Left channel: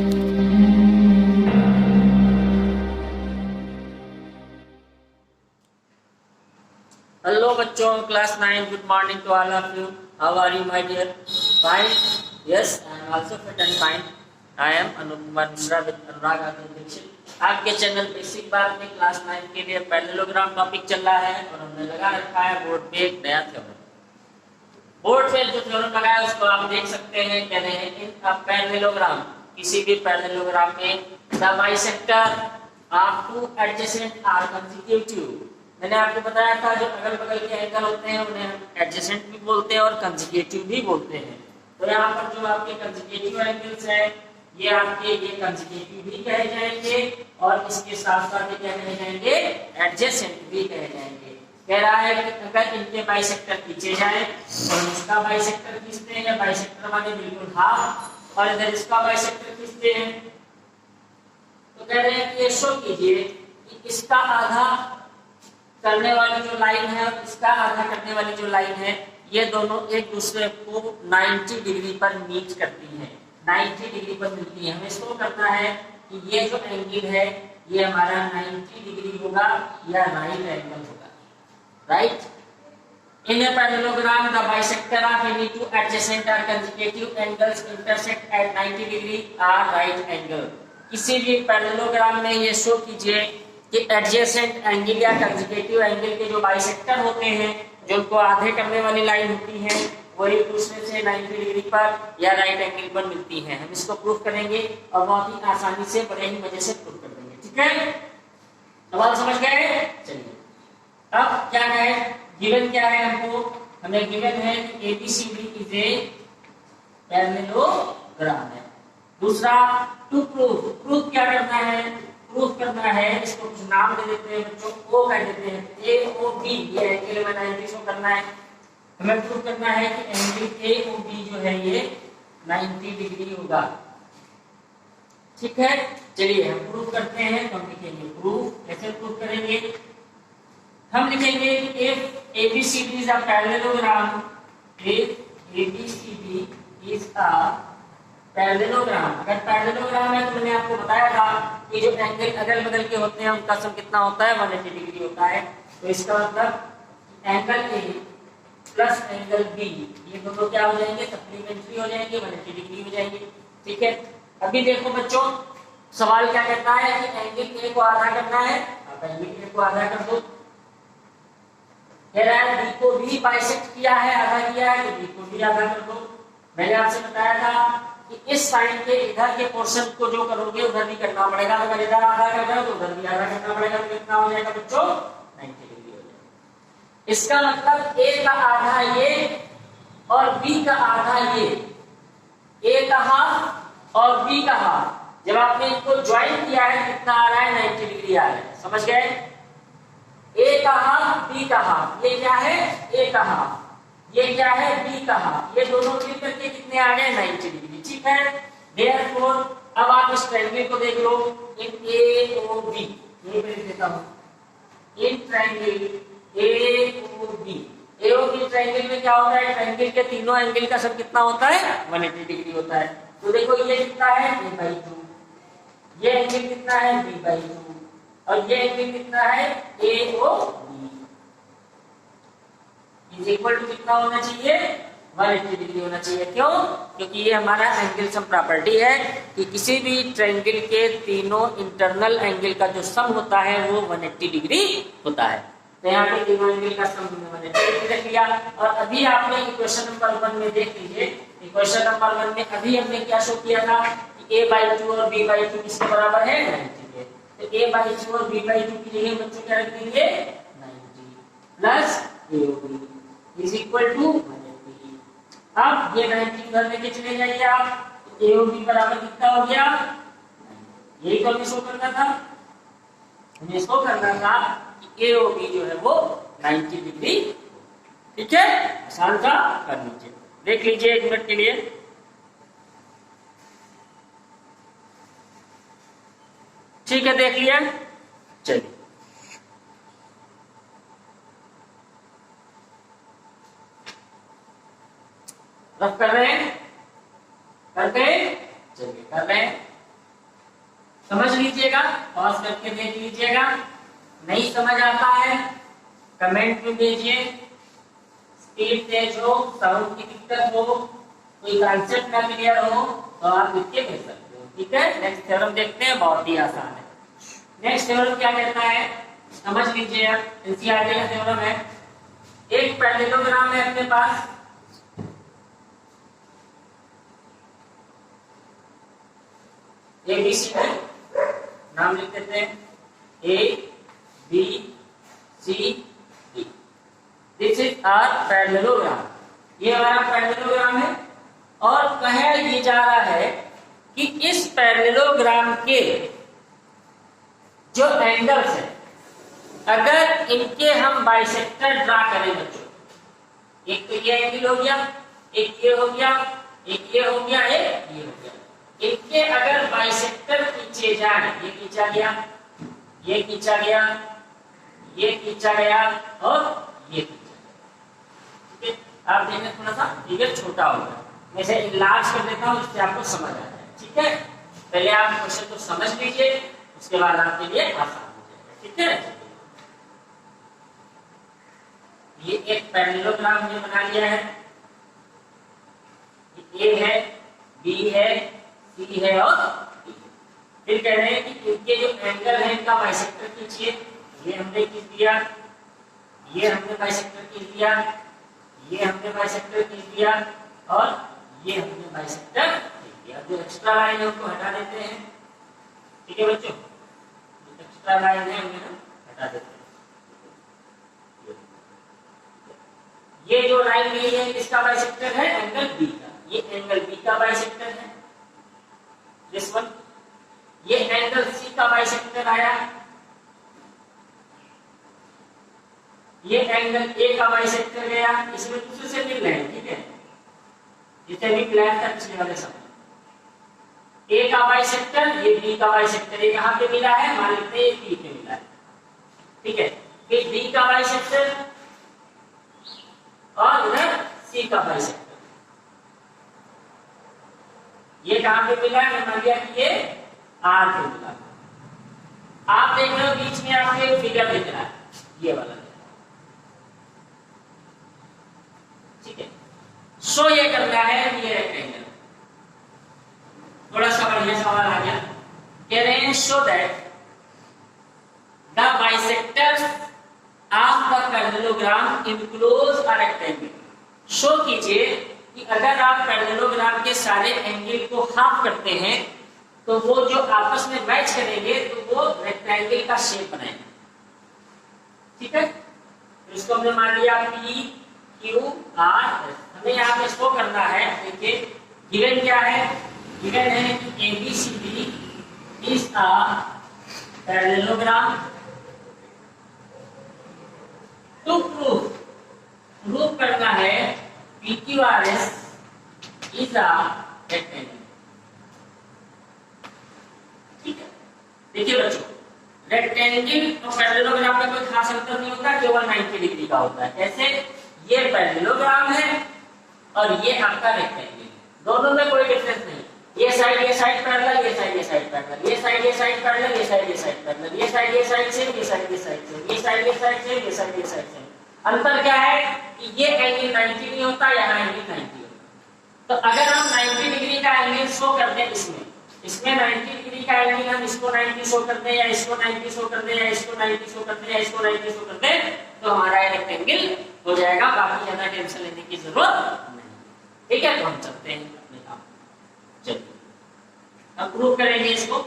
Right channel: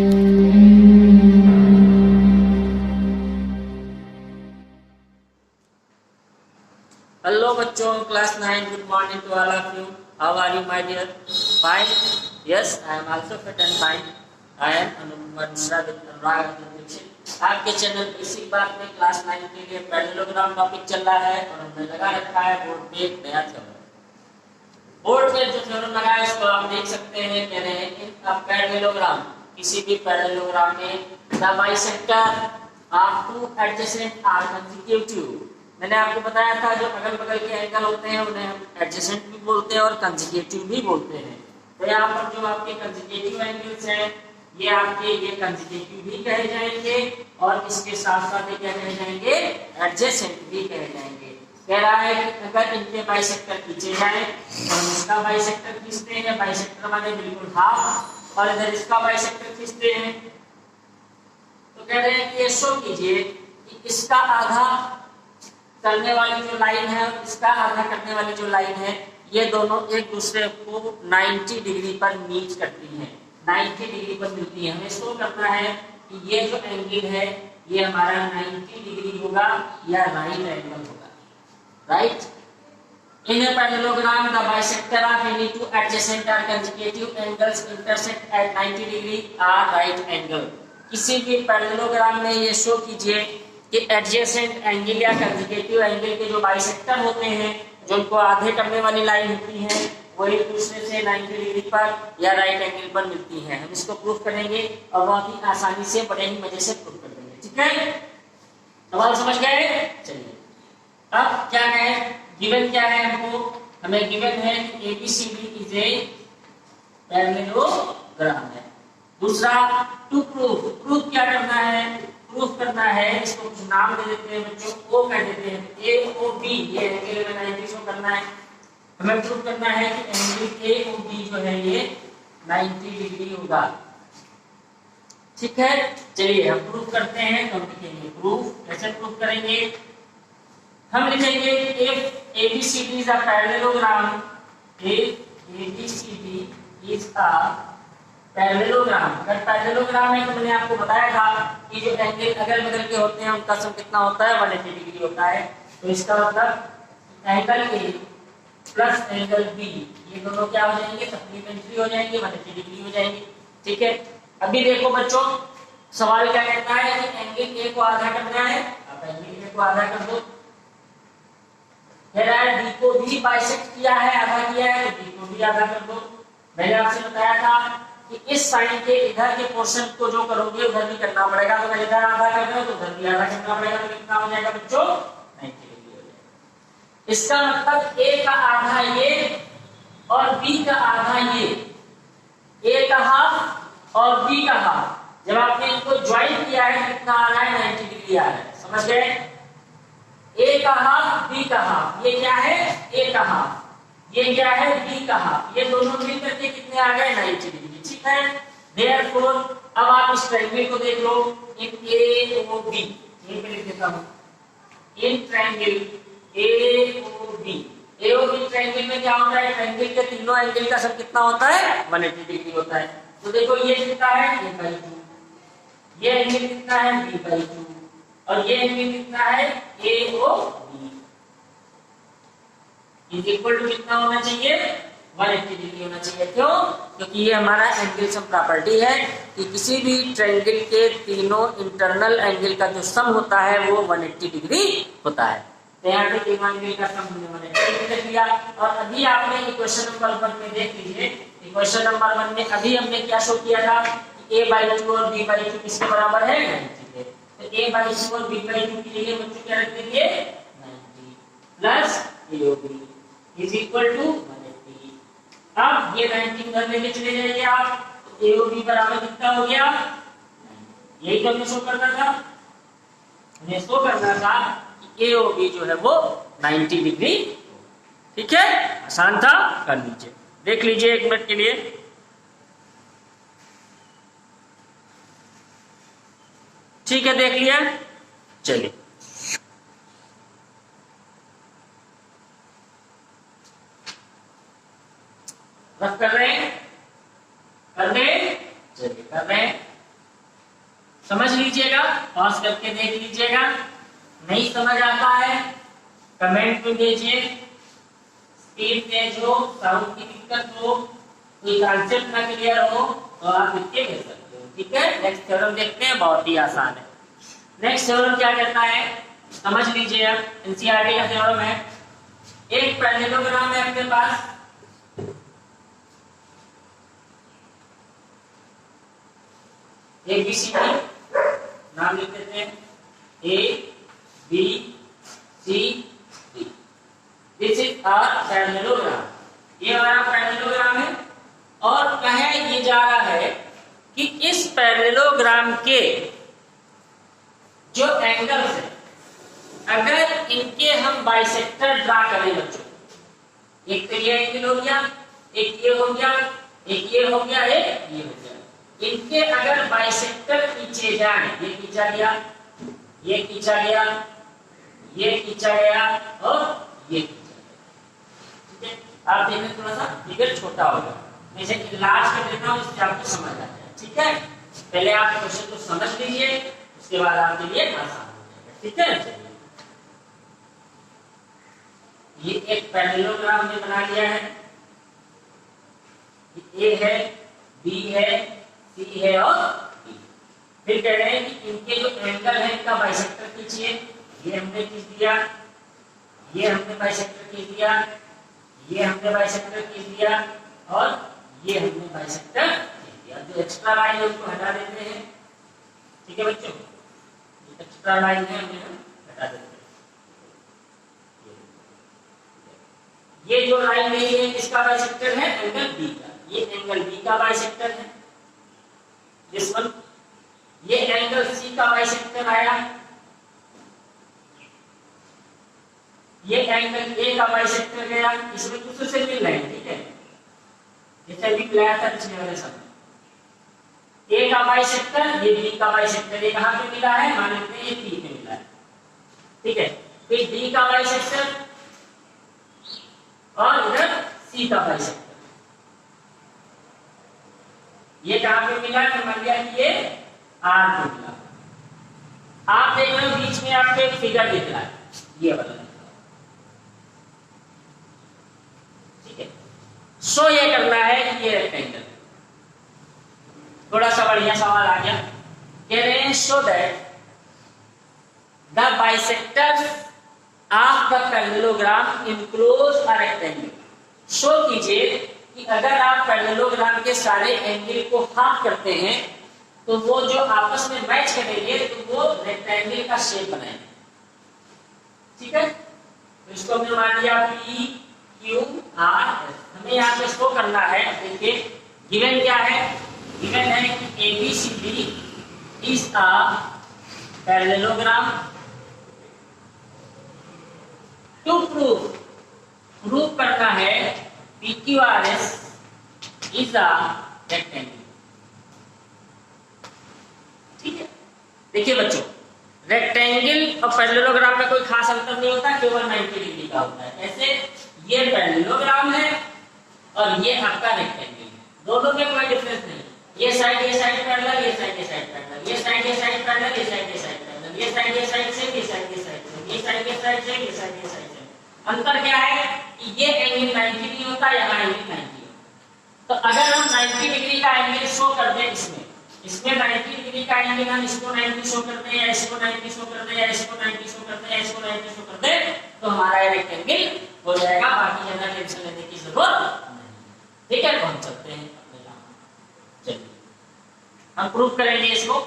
Hello बच्चों, class 9. Good morning to all of you. How are you, my dear? Fine. Yes, I am also fit and fine. I am Anup Kumar Mishra with अनुराग आदित्य दीक्षित. आपके channel basic बात में class 9 के लिए parallelogram topic चल रहा है और हमने लगा रखा है बोर्ड पे एक नया थ्योरम. बोर्ड पे जो थ्योरम लगा है उसको आप देख सकते हैं. कह रहे हैं इन अ पैरेललोग्राम, किसी भी पैरेललोग्राम में the bisector of two adjacent are consecutive. मैंने आपको बताया था जो अगल बगल के एंगल होते हैं उन्हें हम एडजेसेंट भी बोलते हैं और कंसेक्यूटिव भी बोलते हैं. तो यहाँ पर जो आपके कंसेक्यूटिव एंगल्स हैं ये आपके ये कंसेक्यूटिव भी कहे जाएंगे और इसके साथ साथ ये क्या कहे जाएंगे, एडजेसेंट भी कहे जाएंगे. कह रहा है कि अगर इनके बाइसेक्टर खींचे जाए और इसका बाइसेक्टर खींचते हैं, बाइसेक्टर माने बिल्कुल हाफ, और इधर इसका बाइसेक्टर खींचते हैं तो कह रहे हैं कि ये शो कीजिए कि इसका आधा करने वाली जो लाइन है और इसका आधा करने वाली जो लाइन है ये दोनों एक दूसरे को 90 डिग्री पर मीट करती हैं, 90 डिग्री पर मिलती है. हमें शो करना है कि ये जो एंगल है ये हमारा 90 डिग्री होगा या राइट एंगल होगा. Right. In a parallelogram the bisector of any two adjacent और consecutive angles intersect at 90 degree are right angle. किसी भी पैरेललोग्राम में ये शो कीजिए कि एडजेसेंट एंगल या कंसेक्यूटिव एंगल के जो बाइसेक्टर होते हैं, जो उनको आधे करने वाली लाइन होती है, वो एक दूसरे से 90 डिग्री पर या राइट एंगल पर मिलती है. हम इसको प्रूफ करेंगे और बहुत ही आसानी से, बड़े ही मजे से प्रूफ कर देंगे. ठीक है, सवाल समझ गए? चलिए अब क्या है, गिवन क्या है हमको, हमें गिवन है कि ABCD इज ए पैरेललोग्राम है. दूसरा टू प्रूफ क्या करना है, प्रूफ करना है, इसको कुछ नाम दे देते हैं बच्चों, O कह देते हैं. AOB ये एंगल में 90 शो करना है. हमें प्रूफ करना है कि एंगल AOB जो है ये 90 डिग्री होगा. ठीक है, चलिए हम प्रूफ करते हैं. तो हम लिखेंगे प्रूफ. कैसे प्रूफ करेंगे, हम लिखेंगे if ABCD is a parallelogram, if ABCD is a parallelogram. अगर पैरेललोग्राम है तो मैंने आपको बताया था कि जो एंगल अगल बगल के होते हैं उनका सम कितना होता है, 180 डिग्री होता है. तो इसका मतलब angle A plus angle B ये दोनों क्या हो जाएंगे, सप्लीमेंट्री हो जाएंगे, 180 डिग्री हो जाएंगे. ठीक है, अभी देखो बच्चों सवाल क्या कहता है कि एंगल A को आधा करना है. आप एंगल A को आधा कर दो. कह रहा है B को भी बाइसेक्ट किया है, आधा किया है, तो B को भी आधा कर दो. मैंने आपसे बताया था कि इस साइन के इधर के पोर्शन को जो करोगे उधर भी करना पड़ेगा. तो मैं इधर आधा कर रहा हूं तो उधर भी आधा करना पड़ेगा. तो कितना हो जाएगा बच्चों, 90 डिग्री हो जाएगा. इसका मतलब A का आधा ये और B का आधा ये, A का हाफ और B का हाफ. जब आपने इनको ज्वाइन किया है कितना आ रहा है, 90 डिग्री आ रहा है. समझ गए? A का हाफ B का हाफ, ये क्या है A का हाफ, ये क्या है B का हाफ, ये दोनों मिलकर के कितने आ गए, 90 डिग्री. ठीक है, देयरफॉर अब आप इस ट्रायंगल को देख लो, इन AOB ये मैं लिख देता हूं, इन ट्रायंगल AOB ट्रायंगल में क्या होता है, ट्रायंगल के तीनों एंगल का सम कितना होता है, 180 डिग्री होता है. तो देखो ये कितना है, A/2, ये एंगल कितना है, B/2, और ये एंगल कितना है, AOB इज इक्वल टू कितना होना चाहिए, 180 डिग्री होना चाहिए. क्यों? क्योंकि ये हमारा एंगल सम प्रॉपर्टी है कि किसी भी ट्रायंगल के तीनों इंटरनल एंगल का जो सम होता है वो 180 डिग्री होता है. तो यहाँ पे तीनों एंगल का सम हमने 180 डिग्री रख लिया. और अभी आपने इक्वेशन नंबर 1 में देख लीजिए, इक्वेशन नंबर 1 में अभी हमने क्या शो किया था कि A/2 और B/2 किसके बराबर है, 90 के. तो A/2 और B/2 के लिए बच्चों क्या रख देंगे, 90 plus AOB is equal to 180. अब ये 90 उधर लेके चले जाइए आप, तो AOB बराबर कितना हो गया, यही तो हमें शो करना था. हमें शो करना था कि AOB जो है वो 90 डिग्री. ठीक है, आसान था, कर लीजिए. देख लीजिए 1 मिनट के लिए. ठीक है, देख लिया. चलिए रफ कर रहे हैं, कर दे, चलिए कर रहे हैं. समझ लीजिएगा, पॉज करके देख लीजिएगा। नहीं समझ आता है कमेंट में भेजिए। स्पीड तेज हो, साउंड की दिक्कत हो, कोई कॉन्सेप्ट ना क्लियर हो तो आप लिख के भेज सकते हो। ठीक है, नेक्स्ट थ्योरम देखते हैं, बहुत ही आसान है। नेक्स्ट थ्योरम क्या कहता है समझ लीजिए आप, एनसीईआरटी का थ्योरम है। एक पैरेललोग्राम है अपने पास, ABCD नाम लिख देते हैं, ABCD। This is our parallelogram, ये हमारा पैरेललोग्राम है। और कहा ये जा रहा है कि इस पैरेललोग्राम के जो एंगल्स है, अगर इनके हम बाइसेक्टर ड्रा करें बच्चों, एक तो ये एंगल हो गया, एक ये हो गया, एक ये हो गया, एक ये हो गया, इनके अगर बाइसेक्टर खींचे जाए, ये खींचा गया, ये खींचा गया, ये खींचा गया और ये खींचा गया। ठीक है, आप देखिए थोड़ा सा फिगर छोटा हो गया, मैं इसे इलाज कर देता हूं जिससे आपको समझ आ जाए। ठीक है, पहले आप क्वेश्चन को समझ लीजिए, उसके बाद आपके लिए आसान हो जाएगा। ठीक है, ये एक पैरेललोग्राम हमने बना लिया है, ए है, बी है, सी है और डी। फिर कह रहे हैं कि इनके जो एंगल है इनका बाइसेक्टर खींचिए, ये हमने खींच दिया, ये हमने बाइसेक्टर खींच दिया, ये हमने बाइसेक्टर खींच दिया और ये हमने बाइसेक्टर खींच दिया। जो एक्स्ट्रा लाइन है उसको हटा देते हैं। ठीक है बच्चों, एक्स्ट्रा लाइन है उन्हें हम हटा देते हैं। ये जो लाइन मेरी है इसका बाइसेक्टर है एंगल बी का, ये एंगल बी का बाइसेक्टर है दिस वन। ये एंगल सी का बाइसेक्टर आया, ये एंगल ए का बाइसेक्टर गया, इसमें दूसरे से मिल रहे हैं। ठीक है, जैसे अभी मिलाया था पिछले वाले समय, ए का बाइसेक्टर, ये बी का बाइसेक्टर, ये कहां पे मिला है, मान लेते हैं ये सी पे मिला है। ठीक है, फिर बी का बाइसेक्टर और इधर सी का बाइसेक्टर, ये कहां पे मिला है, मान लिया कि ये आर पे मिला। आप देख रहे हो बीच में आपको एक फिगर दिख रहा है, ये वाला दिख रहा है। ठीक है, सो ये करना है कि ये रेक्टेंगल, थोड़ा सा बढ़िया सवाल आ गया। कह रहे हैं show that the bisector of the parallelogram enclose a rectangle. Show कीजिए कि अगर आप पैरेललोग्राम के सारे एंगल को हाफ करते हैं तो वो जो आपस में मैच करेंगे तो वो रेक्टेंगल का शेप बनाएंगे। ठीक है, तो इसको हमने मान लिया पी क्यू आर एस। हमें यहाँ पे इसको करना है, देखिए गिवन क्या है, गिवन है कि ABCD is a parallelogram. To proof करना है PQRS इज अ रेक्टेंगल। ठीक है, देखिए बच्चों रेक्टेंगल और पैरेललोग्राम में कोई खास अंतर नहीं होता, केवल 90 डिग्री का होता है। ऐसे ये पैरेललोग्राम है और ये आपका रेक्टेंगल है, दोनों में कोई डिफरेंस नहीं। ये साइड पैरेलल, ये साइड पैरेलल, ये साइड पैरेलल, ये साइड पैरेलल, ये साइड सेम, ये साइड सेम, ये साइड सेम, ये साइड सेम। अंतर क्या है कि ये एंगल 90 नहीं होता, यहाँ एंगल 90 होता। तो अगर हम 90 डिग्री का एंगल शो कर दें, इसमें 90 डिग्री का एंगल हम इसको 90 शो कर दें या इसको 90 शो कर दें या इसको 90 शो कर दें या इसको 90 शो कर दें, तो हमारा ये रेक्टेंगल हो जाएगा, बाकी ज्यादा टेंशन लेने की जरूरत नहीं। ठीक है, तो हम चलते हैं अपने काम। चलिए हम प्रूफ करेंगे इसको,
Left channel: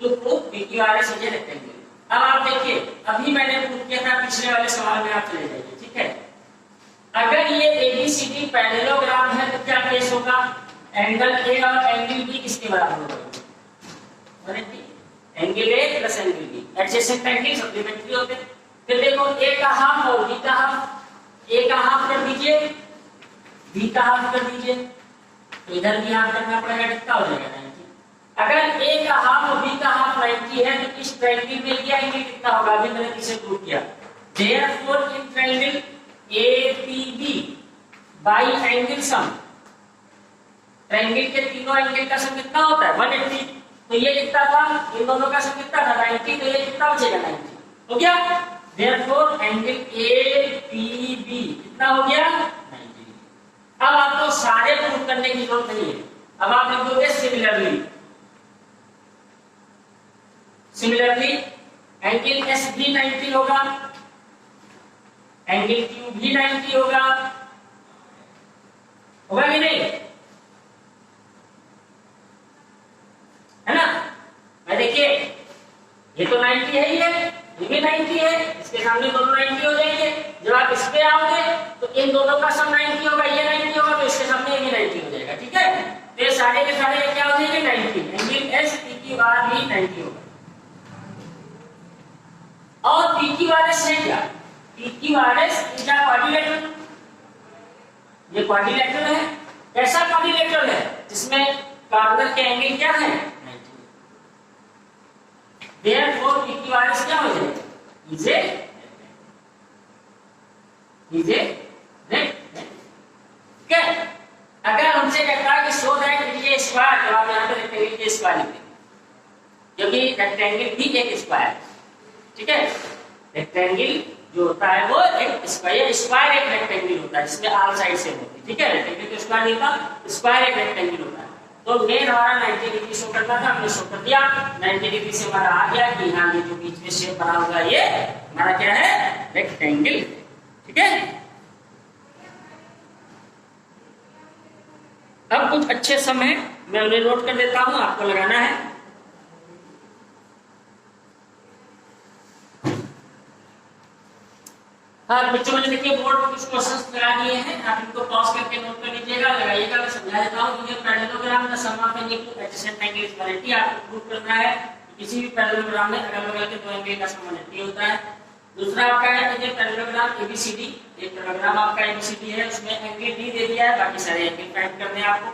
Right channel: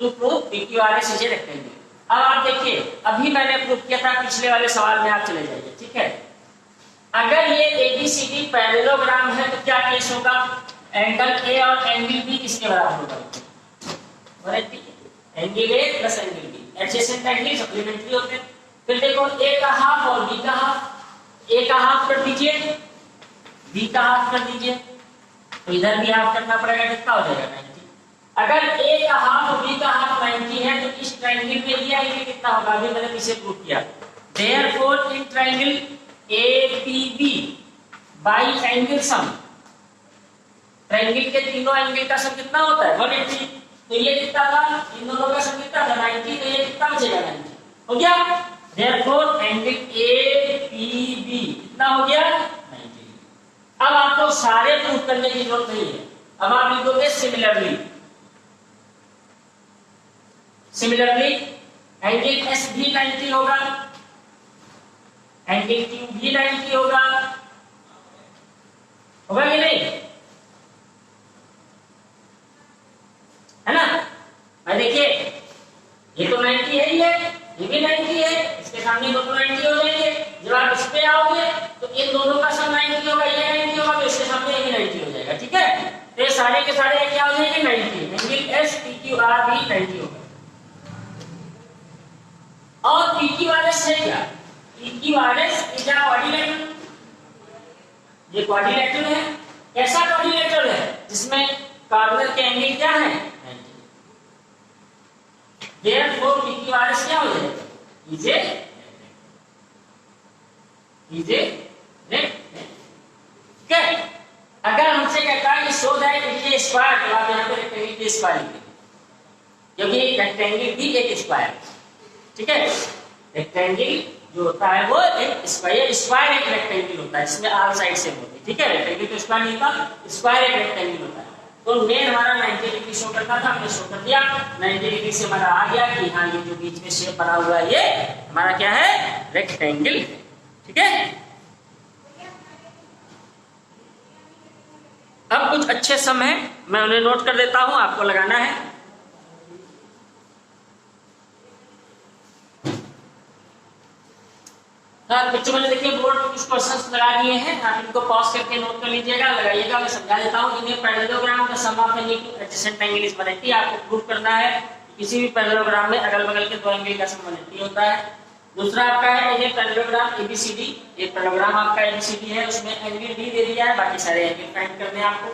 to proof PQRS is a rectangle. अब आप देखिए, अभी मैंने प्रूफ किया था, पिछले वाले सवाल में आप चले जाइए। ठीक है, अगर ये ABCD पैरेललोग्राम है तो क्या केस होगा, एंगल A और एंगल B किसके बराबर होगा, angle A plus angle B, adjacent angle supplementary होते हैं। फिर देखो A का हाफ और B का हाफ, A का हाफ कर दीजिए, B का हाफ कर दीजिए, तो इधर भी हाफ करना पड़ेगा, कितना हो जाएगा 90। अगर A का हाफ और B का हाफ 90 है तो इस ट्रायंगल में ये एंगल कितना होगा, अभी मैंने पीछे प्रूव किया। Therefore in triangle APB bye angle sum, triangle के तीनों एंगल का सम कितना होता है 180। तो ये कितना था, इन दोनों का सम कितना था 90, तो ये कितना बचेगा 90, हो गया। देयरफॉर एंगल एपीबी कितना हो गया 90। अब आपको सारे प्रूफ करने की जरूरत नहीं है, अब आप लिखोगे सिमिलरली। सिमिलरली एंगल एस भी 90 होगा, एंगल क्यू भी 90 होगा, होगा कि नहीं, है ना भाई। देखिए ये तो 90 है ही है, ये भी 90 है, इसके सामने दोनों 90 हो जाएंगे। जब आप इस पे आओगे तो इन दोनों का सम 90 होगा, ये 90 होगा, तो इसके सामने ये 90 हो जाएगा, ठीक है। तो ये सारे के सारे क्या हो जाएंगे 90, angle S P Q R भी 90 होगा। और पी क्यू आर एस है क्या, P Q R S is a quadrilateral, ये क्वाड्रिलेटरल है। कैसा क्वाड्रिलेटरल है, जिसमें कॉर्नर के एंगल क्या है 90। Therefore P Q R S क्या हो जाएगा, इज ए रेक्टेंगल। अगर हमसे कहता है कि show that it is a square, तो आप यहां पे रेक्टेंगल के स्क्वायर लिखेंगे, क्योंकि रेक्टेंगल भी एक स्क्वायर है, ठीक है। रेक्टेंगल जो होता है वो एक स्क्वायर, स्क्वायर एक रेक्टेंगल होता है जिसमें ऑल साइड सेम होती है, ठीक है। रेक्टेंगल तो स्क्वायर नहीं होता, स्क्वायर एक रेक्टेंगल होता है। तो मेन हमारा 90 डिग्री शो करता था, हमने शो कर दिया। 90 डिग्री से हमारा आ गया कि हाँ ये जो बीच में शेप बना हुआ है ये हमारा क्या है, रेक्टेंगल है, ठीक है। अब कुछ अच्छे सम है, मैं उन्हें नोट कर देता हूं, आपको लगाना है। हाँ बच्चों, मैंने देखिए बोर्ड पर कुछ क्वेश्चंस लगा दिए हैं, आप इनको पॉज करके नोट कर लीजिएगा, लगाइएगा। मैं समझा देता हूँ। इन्हें पैरेललोग्राम का sum of any two adjacent angle is 180। आपको प्रूव करना है किसी भी पैरेललोग्राम में अगल बगल के दो एंगल का सम 180 होता है। दूसरा आपका है ये पैरेललोग्राम एबीसीडी, एक पैरेललोग्राम आपका एबीसीडी है, उसमें एंगल डी दे दिया है, बाकी सारे एंगल फाइंड करने हैं आपको।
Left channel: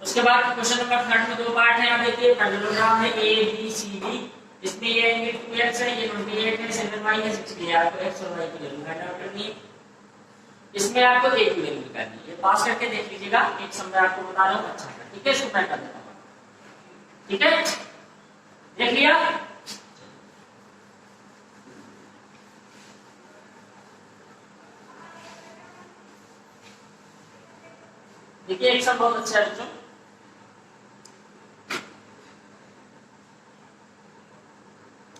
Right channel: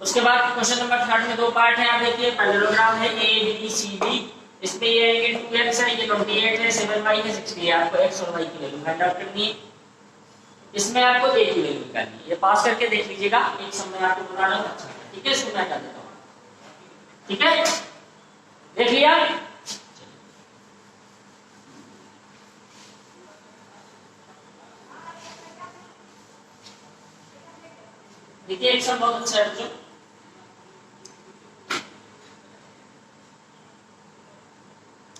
उसके बाद क्वेश्चन नंबर 3 में दो पार्ट है, आप देखिए पैरेललोग्राम है एबीसीडी, इसमें ये एंगल 2x है, ये 28 है, 7y है, 60 है। आपको x और y की वैल्यू फाइंड आउट करनी है। इसमें आपको a की वैल्यू निकालनी है। ये पास करके देख लीजिएगा, एक सम मैं आपको बता रहा हूँ अच्छा है, ठीक है। इसको मैं कर देता हूँ, ठीक है, देख लिया। देखिए एक सम बहुत अच्छा है बच्चों।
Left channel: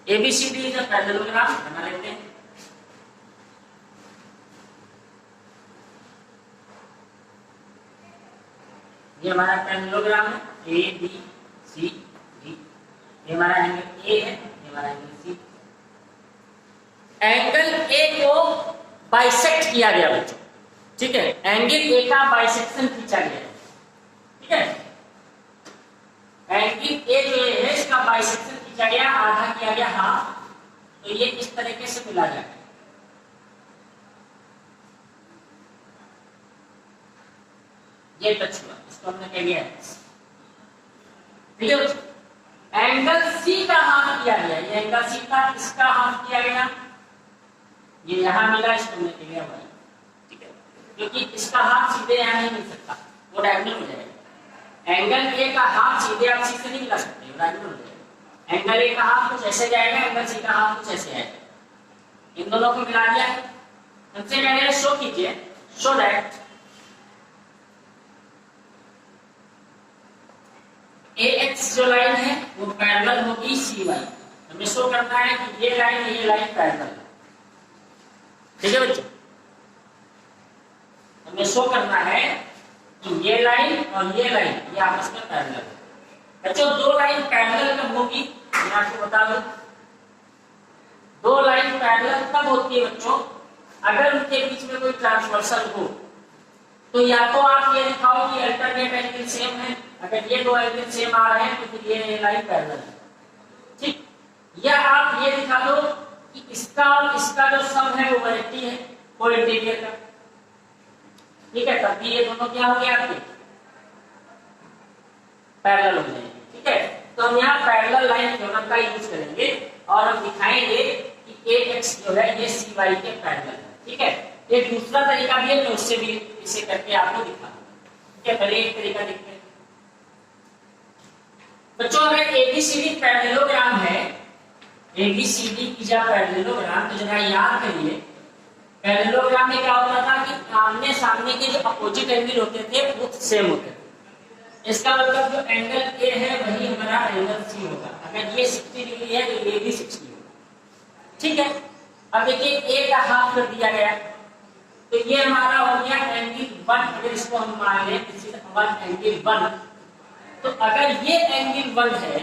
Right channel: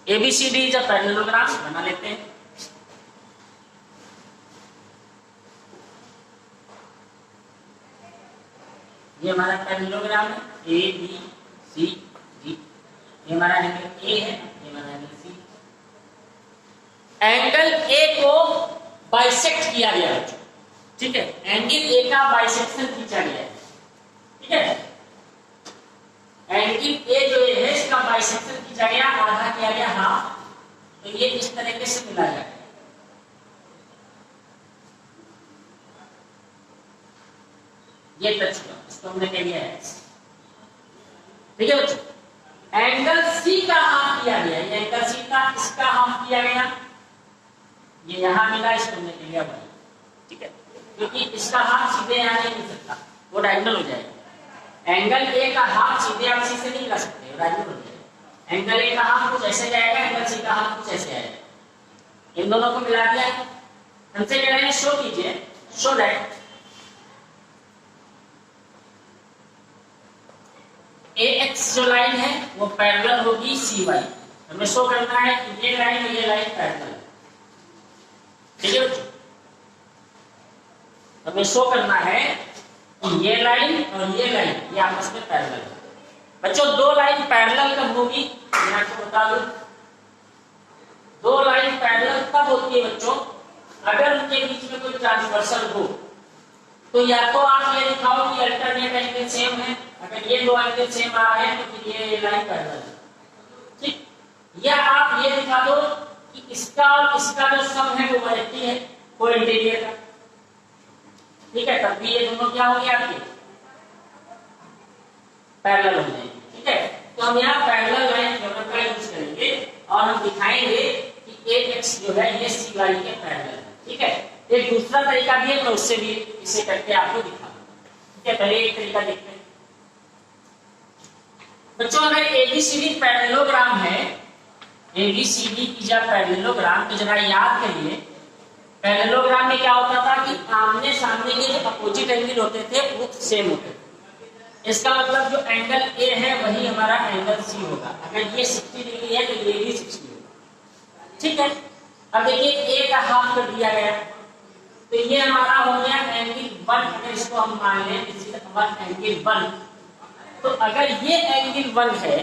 ABCD जब पैरेललोग्राम बना लेते हैं, ये हमारा पैरेललोग्राम है ABCD, ये हमारा एंगल A है, ये हमारा एंगल C। एंगल A को बाइसेक्ट किया गया बच्चों, ठीक है। एंगल A का बाइसेक्शन खींचा गया है, ठीक है। एंगल A जो है इसका बाइसेक्शन खींचा गया, आधा किया गया हाफ, तो ये इस तरीके से मिला जाएगा। ये टच हुआ, इसको हमने कह दिया है, ठीक है बच्चों। एंगल C का हाफ किया गया, ये एंगल C का इसका हाफ किया गया, ये यहां मिला, इसको हमने कह दिया भाई, ठीक है। क्योंकि इसका हाफ सीधे यहां नहीं मिल सकता, वो डायगोनल हो जाएगा। एंगल A का हाफ सीधे आप C से नहीं मिला सकते, वो डायगोनल हो जाएगा। एंगल A का हाफ कुछ ऐसे जाएगा, एंगल C का हाफ कुछ ऐसे आएगा। इन दोनों को मिला दिया है। हमसे कह रहे हैं शो कीजिए, शो दैट AX जो लाइन है वो पैरेलल होगी CY। हमें शो करना है कि ये लाइन पैरेलल, ठीक है बच्चों। हमें शो करना है कि ये लाइन और ये लाइन ये आपस में पैरेलल है। बच्चों दो लाइन पैरेलल कब होगी, मैं आपको बता दूं। दो लाइन पैरेलल तब होती है बच्चों अगर उनके बीच में कोई ट्रांसवर्सल हो। तो या तो आप ये दिखाओ कि अल्टरनेट एंगल सेम है, अगर ये दो एंगल सेम आ रहे हैं तो फिर ये लाइन पैरेलल है, ठीक। या आप ये दिखा दो कि इसका और इसका जो सम है वो 180 है, कोई इंटीरियर का, ठीक है। तब भी ये दोनों क्या हो गए आपके पैरेलल हो जाएंगे, ठीक है। तो हम यहाँ पैरेलल लाइन थ्योरम का यूज करेंगे और हम दिखाएंगे कि AX जो है ये CY के पैरेलल है, ठीक है। एक दूसरा तरीका भी है, मैं उससे भी इसे करके आपको दिखा दूंगा, ठीक है। पहले एक तरीका देखते हैं। बच्चों अगर एबीसीडी पैरेललोग्राम है, एबीसीडी की जब पैरेललोग्राम, तो जरा याद करिए पैरेललोग्राम में क्या होता था कि आमने सामने के जो अपोजिट एंगल होते थे वो सेम होते थे। इसका मतलब जो एंगल ए है वही हमारा एंगल सी होगा। अगर ये 60 डिग्री है तो ये भी 60 होगा, ठीक है। अब देखिए ए का हाफ कर दिया गया, तो ये हमारा हो गया एंगल 1। अगर इसको हम मान लें दिस इज एंगल 1, तो अगर ये एंगल 1 है,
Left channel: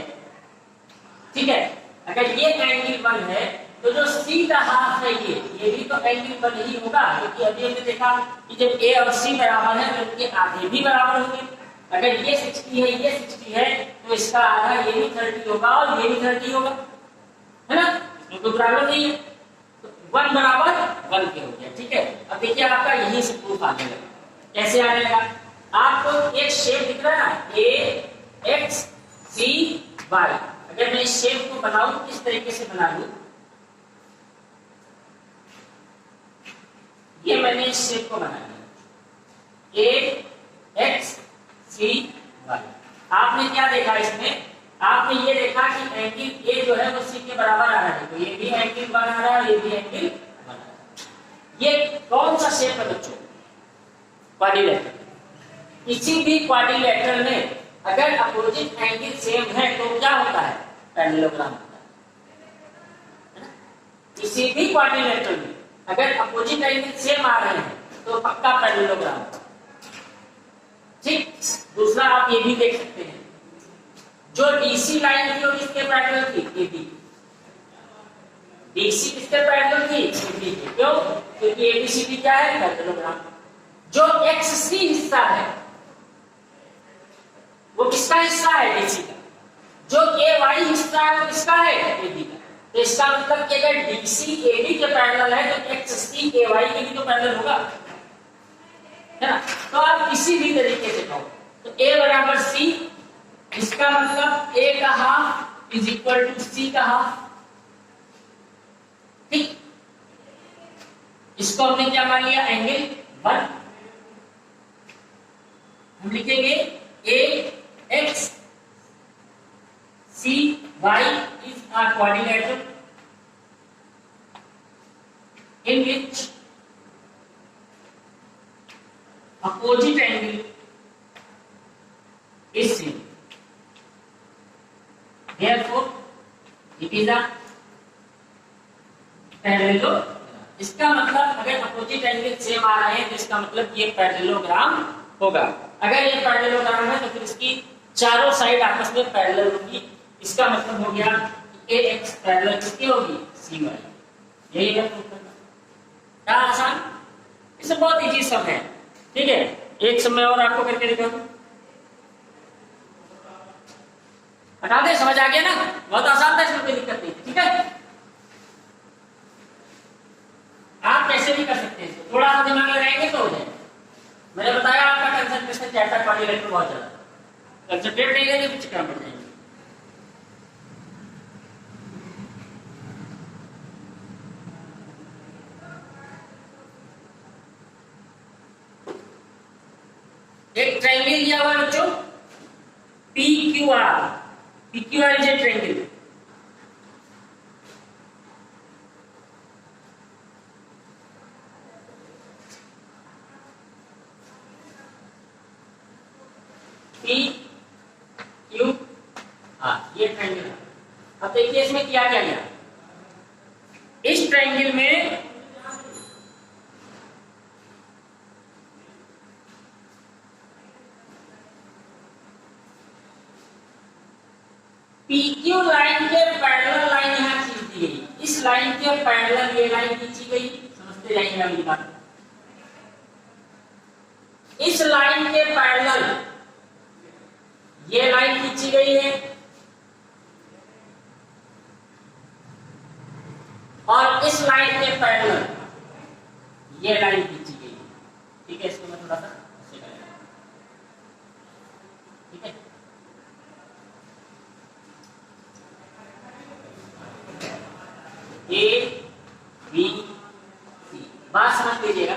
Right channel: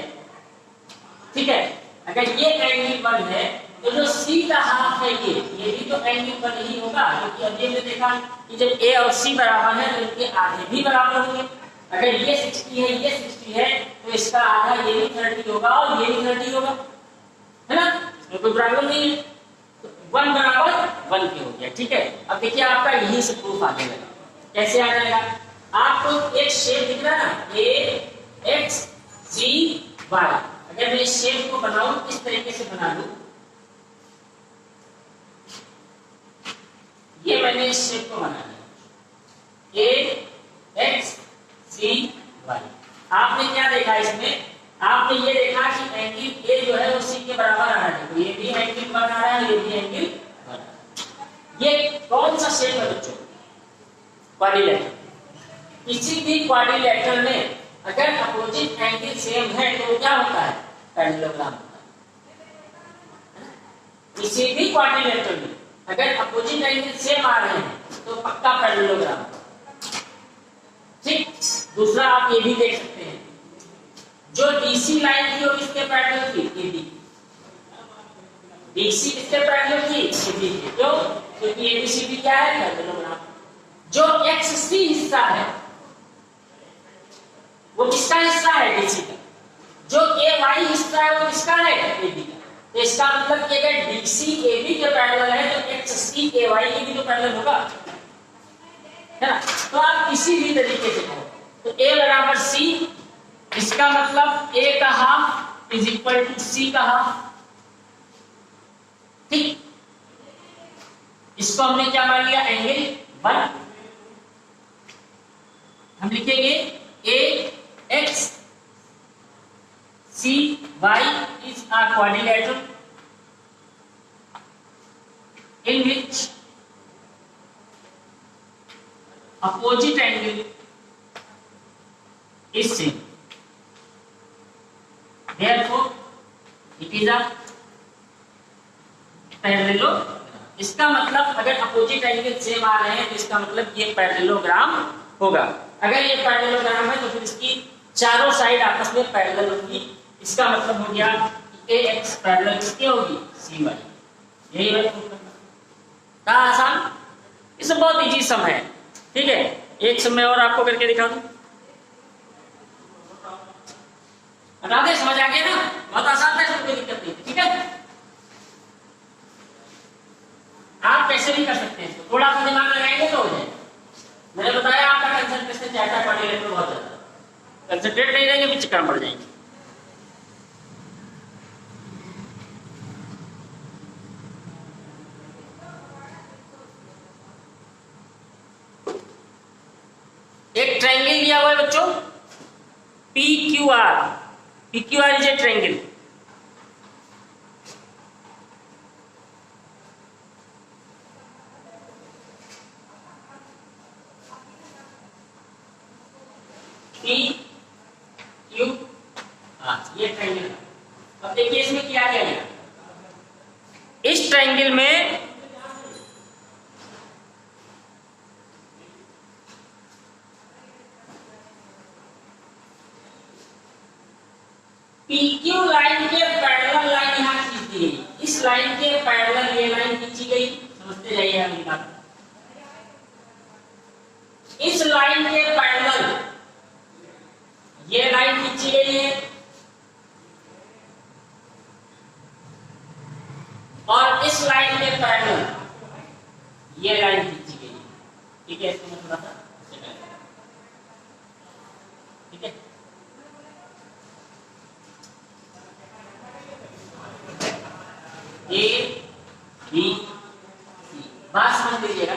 ठीक है, अगर ये एंगल 1 है तो जो सी का हाफ है ये भी तो एंगल 1 ही होगा, क्योंकि अभी हमने देखा कि जब ए और सी बराबर है तो इनके आधे भी बराबर होंगे। अगर ये 60 है ये 60 है तो इसका आधा ये भी 30 होगा और ये भी 30 होगा, है ना, इसमें कोई प्रॉब्लम नहीं है। तो 1 बराबर 1 के हो गया, ठीक है। अब देखिए आपका यही से प्रूफ आने लगा। कैसे आ जाएगा? आपको एक शेप दिख रहा है ना, ए एक्स सी वाई। अगर मैं इस शेप को बनाऊं, इस तरीके से बना लूं, ये मैंने इस शेप को बना लिया, ए एक्स सी वाई। आपने क्या देखा इसमें? आपने ये देखा कि एंगल ए जो है वो सी के बराबर आ रहा है, तो ये भी एंगल 1 आ रहा है, ये भी एंगल 1 आ रहा है। ये कौन सा शेप है बच्चों? क्वाड्रिलेटरल। किसी भी क्वाड्रिलेटरल में अगर अपोजिट एंगल सेम है तो क्या होता है? पैरेललोग्राम होता है ना? किसी भी क्वाड्रिलेटरल में अगर अपोजिट एंगल सेम आ रहे हैं तो पक्का पैरेललोग्राम होता है, ठीक। दूसरा आप ये भी देख सकते हैं, जो डीसी लाइन थी वो किसके पैरेलल थी? एबी। डीसी किसके पैरेलल थी? एबी के। क्यों? क्योंकि एबीसीडी क्या है? पैरेललोग्राम। जो एक्ससी हिस्सा है वो किसका हिस्सा है? डीसी का। जो ए वाई हिस्सा है वो किसका है? एबी का। तो इसका मतलब कि अगर डीसी एबी के पैरेलल है तो एक्ससी ए वाई के भी तो पैरेलल होगा, है ना। तो आप किसी भी तरीके से कहो तो ए बराबर सी, इसका मतलब ए का हाफ इज इक्वल टू सी का हाफ, ठीक। इसको हमने क्या मान लिया? एंगल 1। हम लिखेंगे A X C Y is a quadrilateral in which opposite angle is same. Therefore, it is a parallelogram. इसका मतलब अगर अपोजिट एंगल सेम आ रहे हैं तो इसका मतलब ये पैरेललोग्राम होगा। अगर ये पैरेललोग्राम है तो फिर इसकी चारों साइड आपस में पैरेलल होंगी। इसका मतलब हो गया ए एक्स पैरेलल किसकी होगी? सी वाई। यही है प्रूफ करना। था आसान? इसमें बहुत इजी सम है, ठीक है। एक समय और आपको करके दिखा दूं, हटा दे, समझ आ गया ना? बहुत आसान था, इसमें कोई दिक्कत नहीं, ठीक है। आप कैसे भी कर सकते हैं, थोड़ा सा दिमाग लगाएंगे तो हो जाए। मैंने बताया आपका कंसंट्रेशन चाहता क्वाड्रिलेटरल बहुत ज्यादा, कंसंट्रेट नहीं रहेंगे भी चक्कर पड़ जाएंगे। एक ट्रायंगल लिया हुआ है बच्चों, P Q R. P Q R is a triangle. P Q R ये ट्रायंगल है। अब देखिए इसमें क्या क्या लिया। इस ट्रायंगल में PQ लाइन के पैरेलल लाइन यहां खींच दी गई। इस लाइन के पैरेलल ये लाइन खींची गई, समझते जाइए अगली बात। इस लाइन के पैरेलल ये लाइन खींची गई है और इस लाइन के पैरेलल ये लाइन खींची गई है, ठीक है। इसको मैं थोड़ा सा ठीक है। ए बी सी, बात समझ लीजिएगा।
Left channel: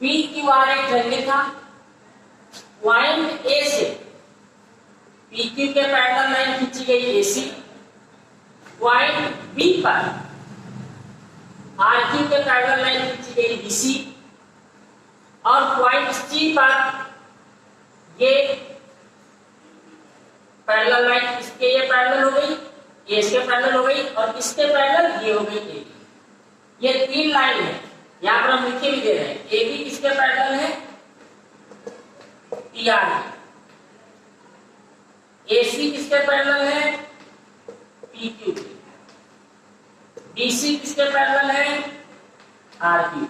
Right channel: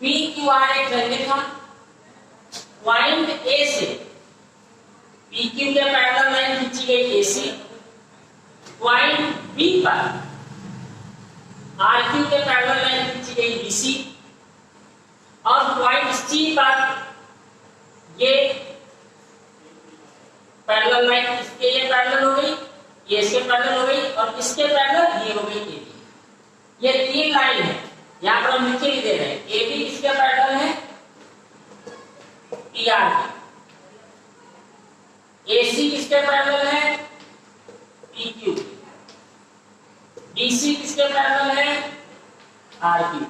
पी क्यू आर एक ट्रायंगल था। पॉइंट ए से पी क्यू के पैरेलल लाइन खींची गई AC, पॉइंट बी पर आर क्यू के पैरेलल लाइन खींची गई BC, और पॉइंट C पर ये पैरेलल लाइन इसके ये पैरेलल हो गई, ये इसके पैरेलल हो गई, और इसके पैरेलल ये हो गई AB। ये तीन लाइन है, यहां पर हम लिखे भी दे रहे हैं। AB किसके पैरेलल है? PR के। AC किसके पैरेलल है? PQ के। BC किसके पैरेलल है? RQ के।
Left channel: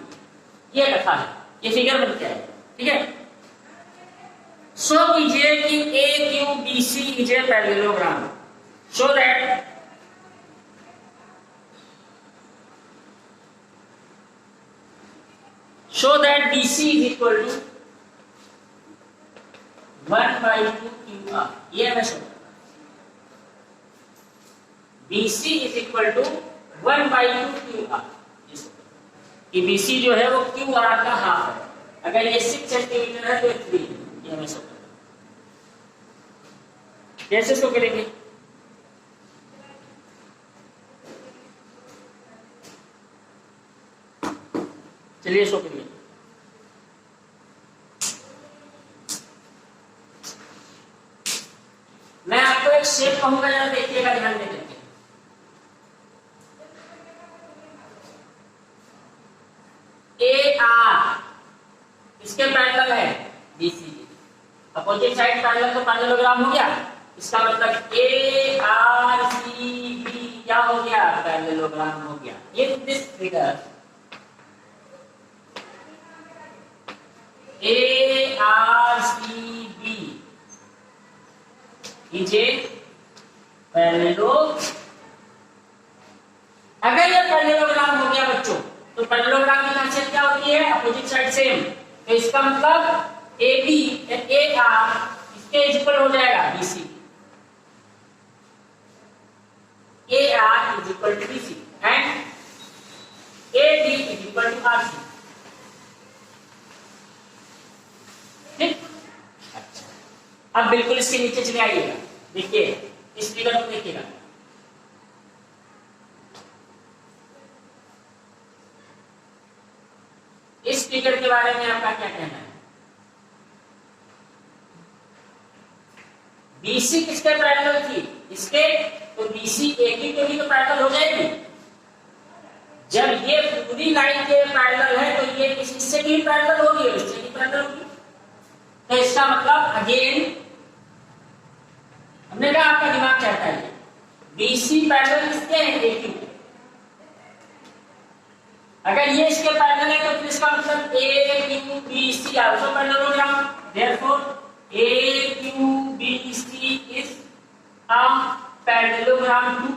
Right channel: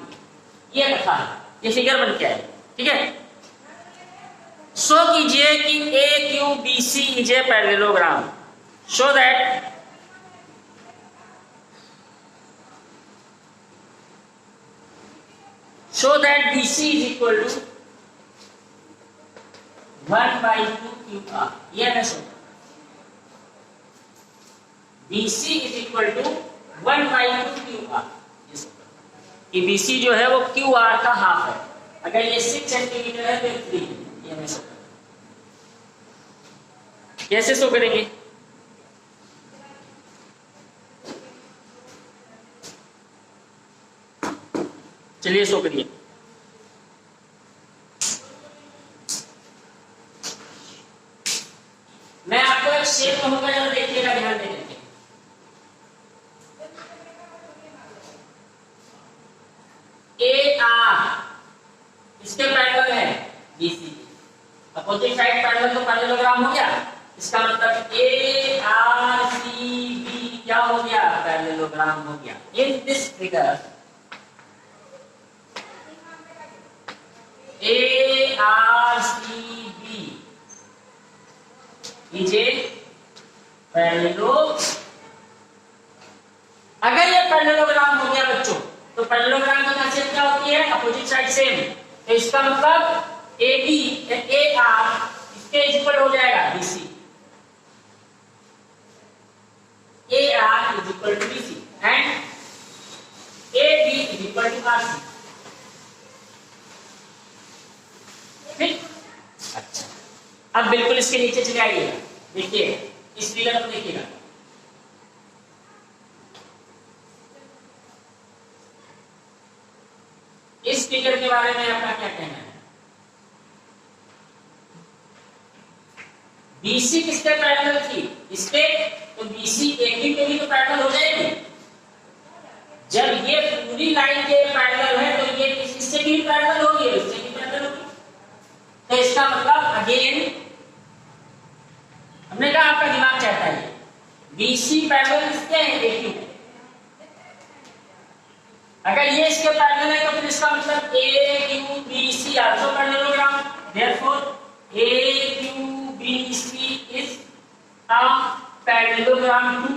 ये कथा है, ये फिगर बन के आए, ठीक है। शो कीजिए कि AQBC is a parallelogram, show that BC is equal to 1/2 QR। ये मैं show BC is equal to 1/2 QR। कि BC जो है वो QR का हाफ है। अगर ये 6 सेंटीमीटर है तो 3 है। ये मैं शो कैसे शो करेंगे? चलिए शो करिए। मैं आपको एक शेप कहूंगा, जरा देखिएगा ध्यान दे करके। AR इसके पैरेलल है BC, अपोजिट साइड पैरेलल तो पैरेललोग्राम हो गया। इसका मतलब ARCB क्या हो गया? पैरेललोग्राम हो गया। In this figure ARCB is a parallelogram. अगर ये पैरेललोग्राम हो गया बच्चों, तो पैरेललोग्राम की खासियत क्या होती है? Opposite side same. तो इसका मतलब AB AR इसके इक्वल हो जाएगा BC, AR is equal to BC and AB is equal to RC। ठीक, अच्छा। अब बिल्कुल इसके नीचे चले आइएगा, देखिए इस फिगर को देखिएगा। इस फिगर के बारे में आपका क्या कहना है? BC किसके पैरेलल थी? इसके। तो BC AQ के भी तो पैरेलल हो जाएगी। जब ये पूरी लाइन के पैरेलल है तो ये इससे भी पैरेलल होगी, इससे भी पैरेलल होगी। तो इसका मतलब अगेन हमने कहा आपका दिमाग चाहता है BC पैरेलल किसके हैं? AQ। अगर ये इसके पैरेलल है तो फिर इसका मतलब AQBC also parallelogram. Therefore AQBC is a parallelogram too,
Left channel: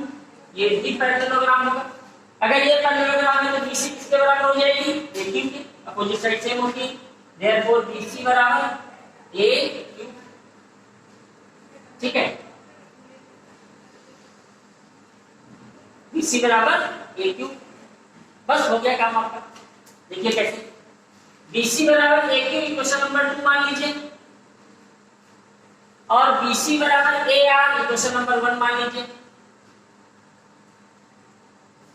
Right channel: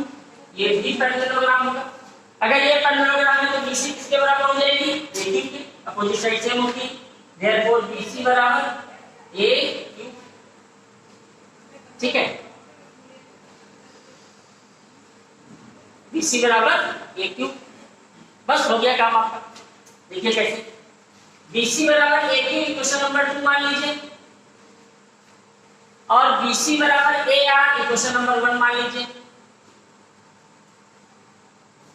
ये भी पैरेललोग्राम होगा। अगर ये पैरेललोग्राम है तो BC किसके बराबर हो जाएगी? AQ के। अपोजिट साइड सेम होगी। देयरफॉर BC बराबर AQ, ठीक है। BC बराबर AQ, बस हो गया काम आपका। देखिए कैसे BC बराबर AQ इक्वेशन नंबर 2 मान लीजिए, और BC बराबर AR इक्वेशन नंबर 1 मान लीजिए।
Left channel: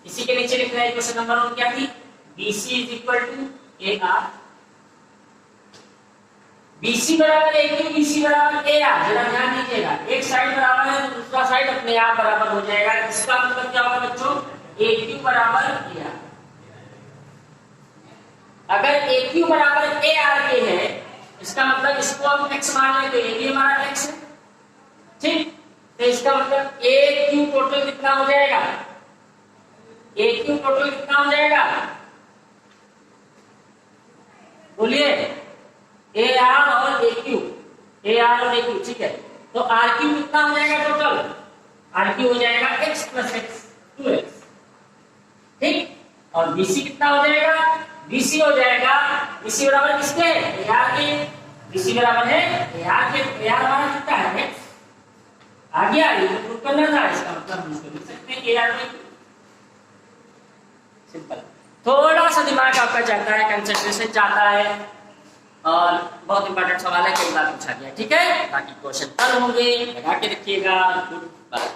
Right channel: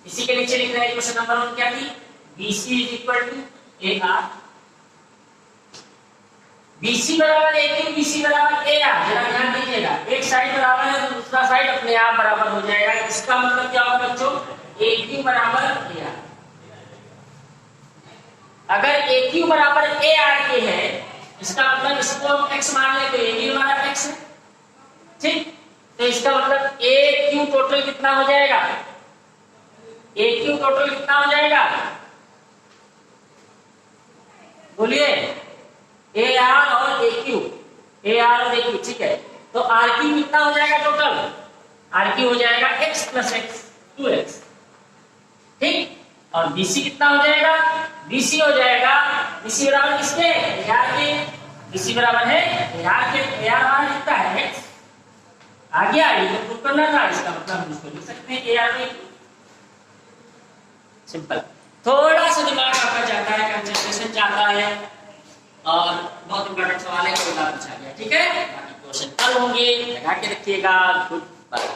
इसी के नीचे लिख रहे हैं इक्वेशन नंबर 1 क्या थी? BC is equal to AR। BC बराबर AQ, BC बराबर AR। जरा ध्यान दीजिएगा, एक साइड बराबर है तो दूसरा साइड अपने आप बराबर हो जाएगा। इसका मतलब क्या होगा बच्चों? AQ बराबर AR। अगर AQ बराबर AR के है, इसका मतलब इसको हम x मान लें तो ये भी हमारा x है, ठीक। तो इसका मतलब AQ टोटल कितना हो जाएगा? AQ टोटल कितना हो जाएगा? बोलिए। AR और AQ, AR और AQ, ठीक है। तो RQ कितना हो जाएगा टोटल? RQ हो जाएगा x प्लस x, 2x, ठीक। और BC कितना हो जाएगा? BC हो जाएगा, BC बराबर किसके? AR के। BC बराबर है AR के। AR हमारा कितना है? x। आ गया, ये तो प्रूव करना था। इसका मतलब हम इसको लिख सकते हैं AR में। सिंपल। थोड़ा सा दिमाग आपका चाहता है, कंसंट्रेशन चाहता है, और बहुत इंपॉर्टेंट सवाल है, कई बार पूछा गया। ठीक है, बाकी क्वेश्चन कल होंगे, लगा के रखिएगा। Good bye.